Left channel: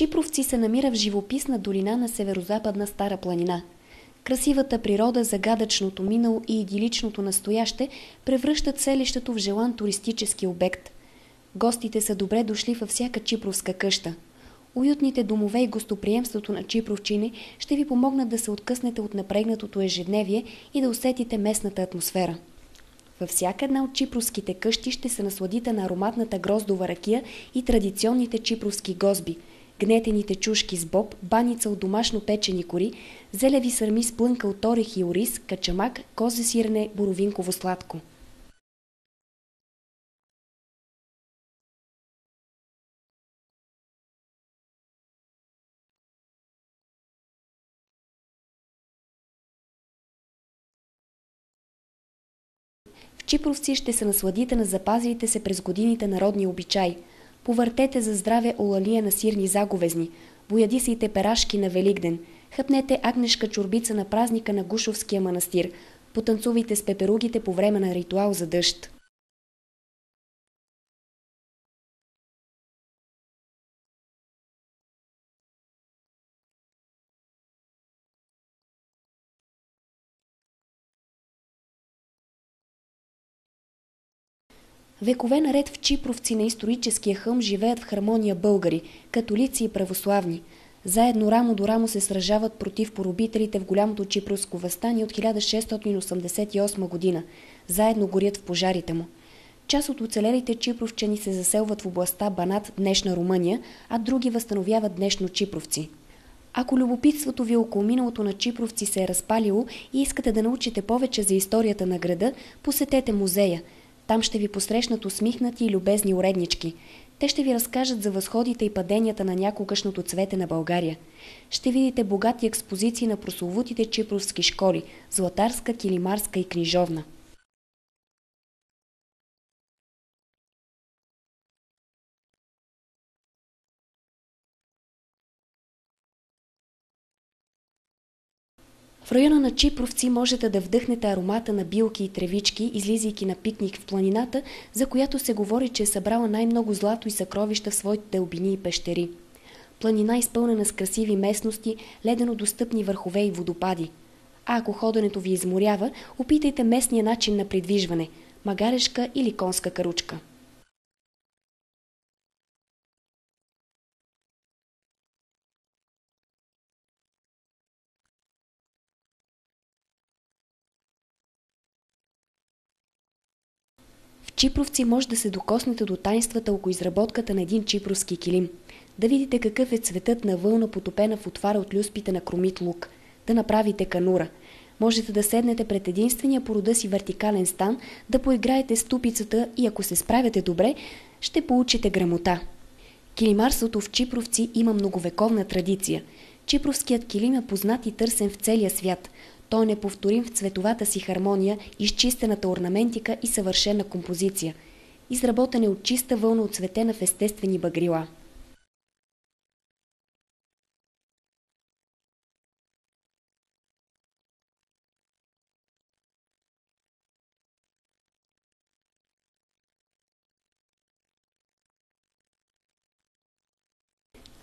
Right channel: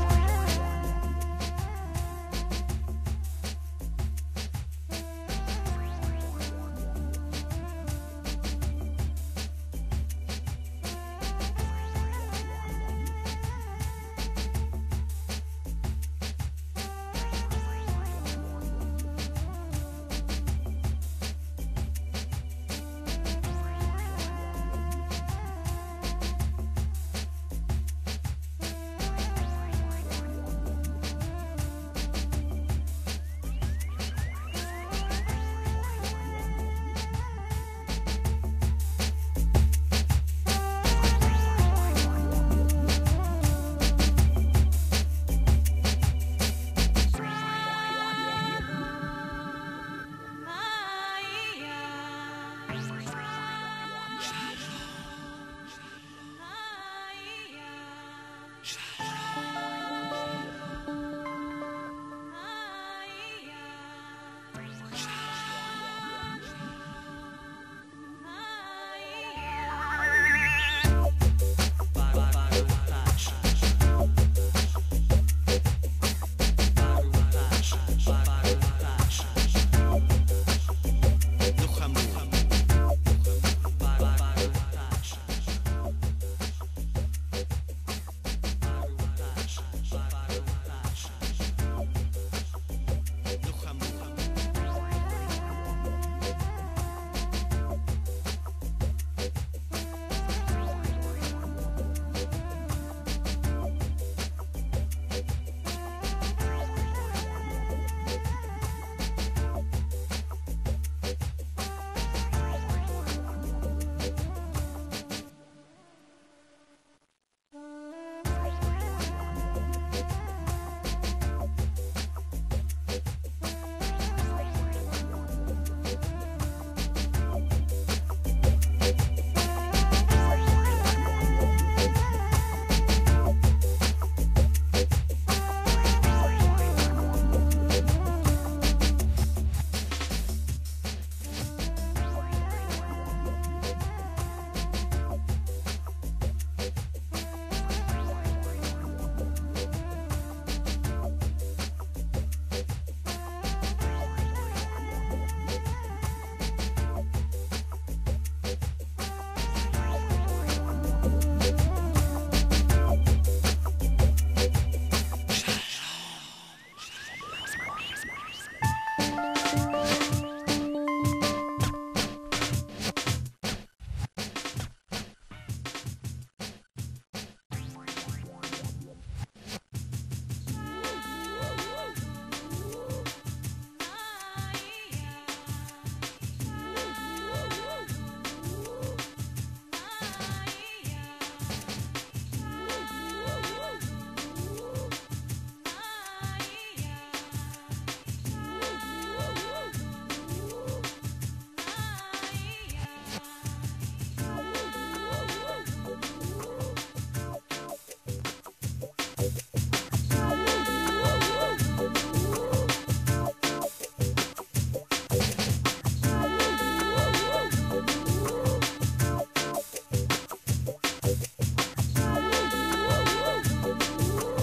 Чипровци се намира в живописна долина на северозападна Стара планина. Красивата природа, загадъчното минало и идиличното настояще превръщат селището в желан туристически обект. Гостите са добре дошли във всяка чипровска къща. Уютните домове и гостоприемството на чипровчини ще ви помогнат да се откъснете от напрегнатото ежедневие и да усетите местната атмосфера. Във всяка една от чипровските къщи ще се насладите на ароматната гроздова ракия и традиционните чипровски гозби, гнетените чушки с боб, баница от домашно печени кори, зелеви сърми с плънка от орех и ориз, качамак, козе сирене, боровинково сладко. Чипровци ще се насладите на запазилите се през годините народни обичаи. Повъртете за здраве олалия на сирни заговезни, поядисайте перашки на Великден, хъпнете агнешка чорбица на празника на Гушовския манастир, потанцувайте с пеперугите по време на ритуал за дъжд. Векове наред в Чипровци на историческия хълм живеят в хармония българи, католици и православни. Заедно рамо до рамо се сражават против поробителите в голямото чипровско въстание от 1688 година. Заедно горят в пожарите му. Част от оцелелите чипровчани се заселват в областта Банат, днешна Румъния, а други възстановяват днешно Чипровци. Ако любопитството ви около миналото на Чипровци се е разпалило и искате да научите повече за историята на града, посетете музея. Там ще ви посрещнат усмихнати и любезни уреднички. Те ще ви разкажат за възходите и паденията на някогашното цвете на България. Ще видите богати експозиции на прословутите чипровски школи – златарска, килимарска и книжовна. В района на Чипровци можете да вдъхнете аромата на билки и тревички, излизайки на пикник в планината, за която се говори, че е събрала най-много злато и съкровища в своите дълбини и пещери. Планина изпълнена с красиви местности, ледено достъпни върхове и водопади. А ако ходенето ви изморява, опитайте местния начин на придвижване – магарешка или конска каручка. Чипровци може да се докоснете до тайнствата около изработката на един чипровски килим, да видите какъв е цветът на вълна, потопена в отвара от люспите на кромит лук, да направите канура. Можете да седнете пред единствения по рода си вертикален стан, да поиграете с тупицата и ако се справяте добре, ще получите грамота. Килимарството в Чипровци има многовековна традиция. Чипровският килим е познат и търсен в целия свят. Той е неповторим в цветовата си хармония, изчистената орнаментика и съвършена композиция. Изработен е от чиста вълна, оцветена в естествени багрила.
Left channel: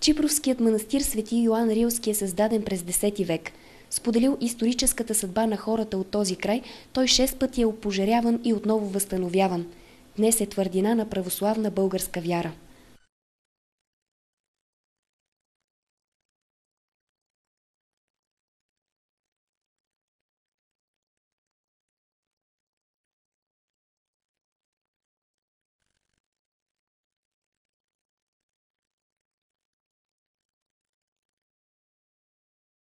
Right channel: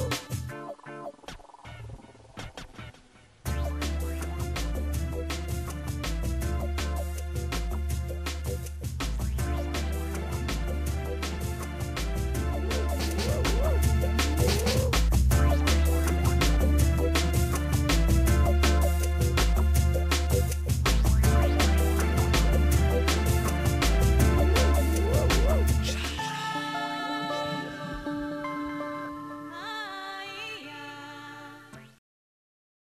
Чипровският манастир Свети Йоан Рилски е създаден през 10 век. Споделил историческата съдба на хората от този край, той 6 пъти е опожаряван и отново възстановяван. Днес е твърдина на православна българска вяра.